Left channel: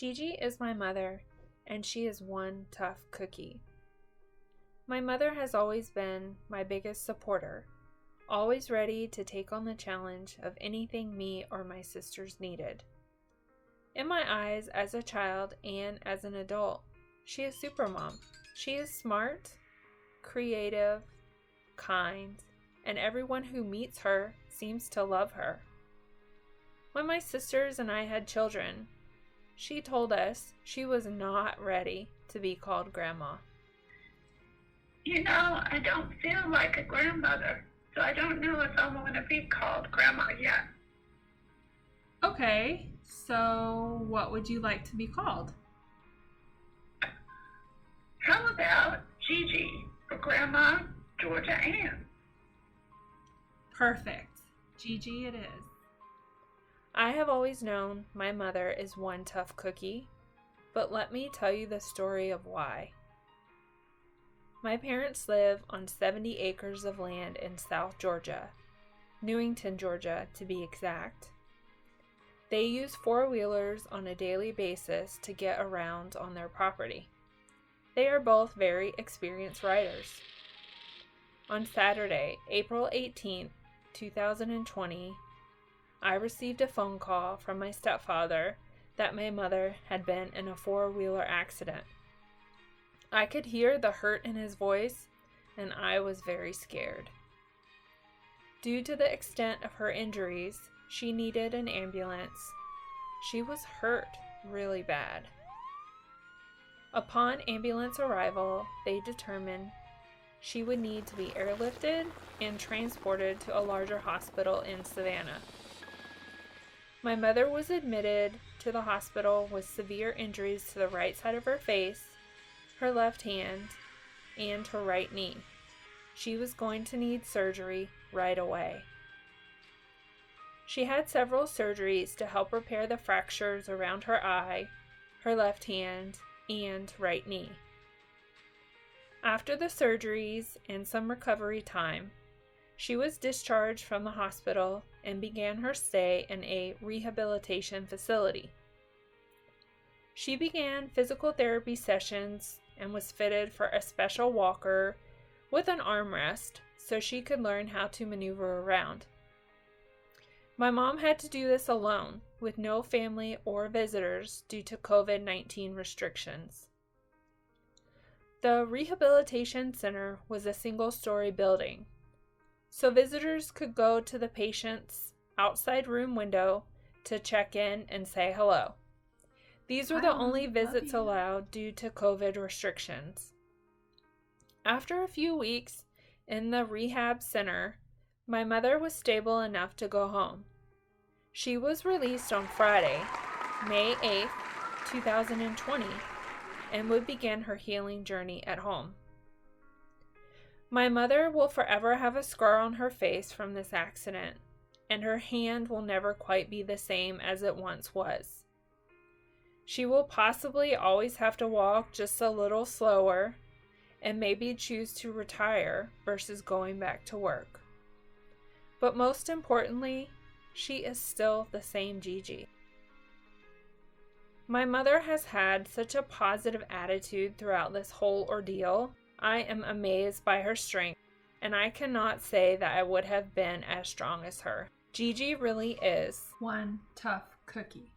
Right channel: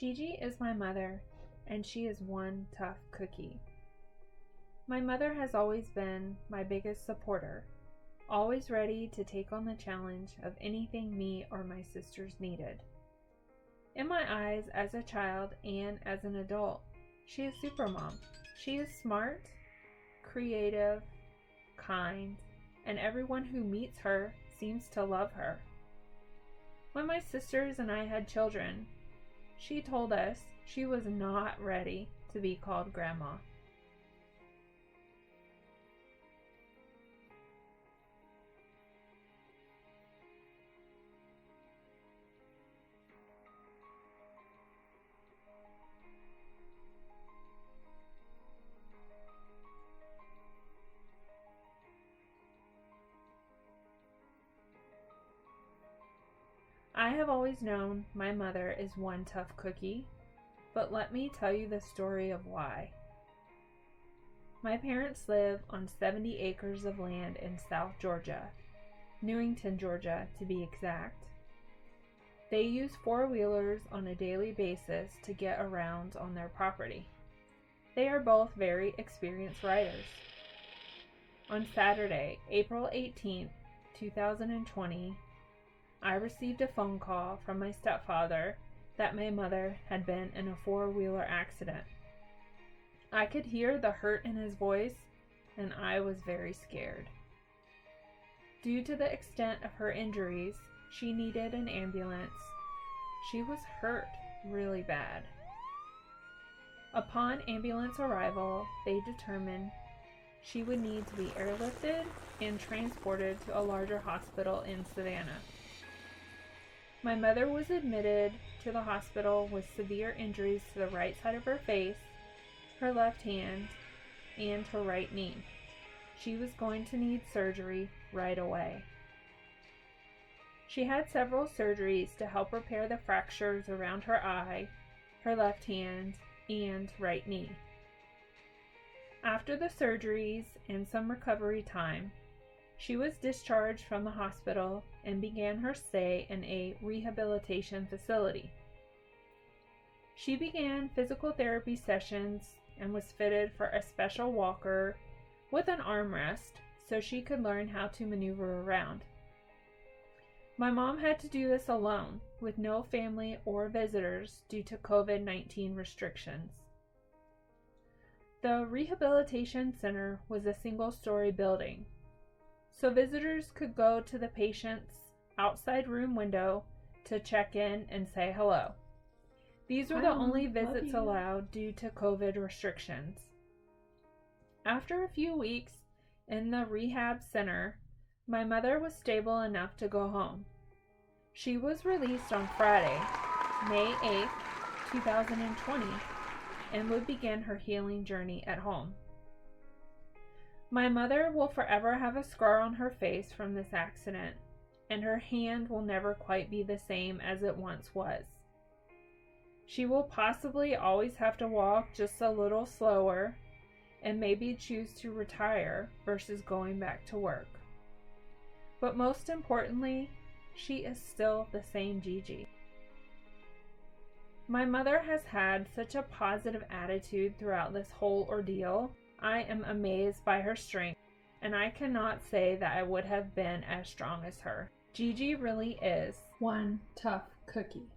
Gigi is my mother, and she is one tough cookie. My mother has always been my biggest supporter, always ready to take on the challenge of anything me or my sisters needed. In my eyes, as a child and as an adult, she is supermom. She is smart, creative, kind, and everyone who meets her seems to love her. When my sisters and I had children, she told us she was not ready to be called grandma. You know, I don't feel like a grandmother, so I don't know if I want to be called grandma yet. Okay, so what would you like to be called? How about Gigi for Grandma Georgia Ann? Perfect. Gigi it is. I have always known my mother is one tough cookie, but let me tell you the story of why. My parents live on 70 acres of land in South Georgia, Newington, Georgia to be exact. They use four-wheelers on a daily basis to get around on their property. They are both very experienced riders. On Saturday, April 18th, 2020, I received a phone call from my stepfather that my mother had been in a four-wheeler accident. I could hear the hurt in his voice, and I was very scared. Due to the extent of her injuries, she needed an ambulance. She was hurt really bad. Upon ambulance arrival, they determined she would need to be airlifted and transported to a larger hospital in Savannah. My mother was admitted to the hospital with severe injuries to the right side of her face, her left hand, and her right knee. She was going to need surgery right away. She had several surgeries to help repair the fractures around her eye, her left hand, and right knee. After the surgeries and some recovery time, she was discharged from the hospital and began her stay in a rehabilitation facility. She began physical therapy sessions and was fitted for a special walker with an armrest so she could learn how to maneuver around. My mom had to do this alone with no family or visitors due to COVID-19 restrictions. The rehabilitation center was a single-story building, so visitors could go to the patient's outside room window to check in and say hello. These were the only visits allowed due to COVID restrictions. After a few weeks in the rehab center, my mother was stable enough to go home. She was released on Friday, May 8th, 2020, and would begin her healing journey at home. My mother will forever have a scar on her face from this accident, and her hand will never quite be the same as it once was. She will possibly always have to walk just a little slower and maybe choose to retire versus going back to work. But most importantly, she is still the same Gigi. My mother has had such a positive attitude throughout this whole ordeal. I am amazed by her strength, and I cannot say that I would have been as strong as her. Gigi really is one tough cookie.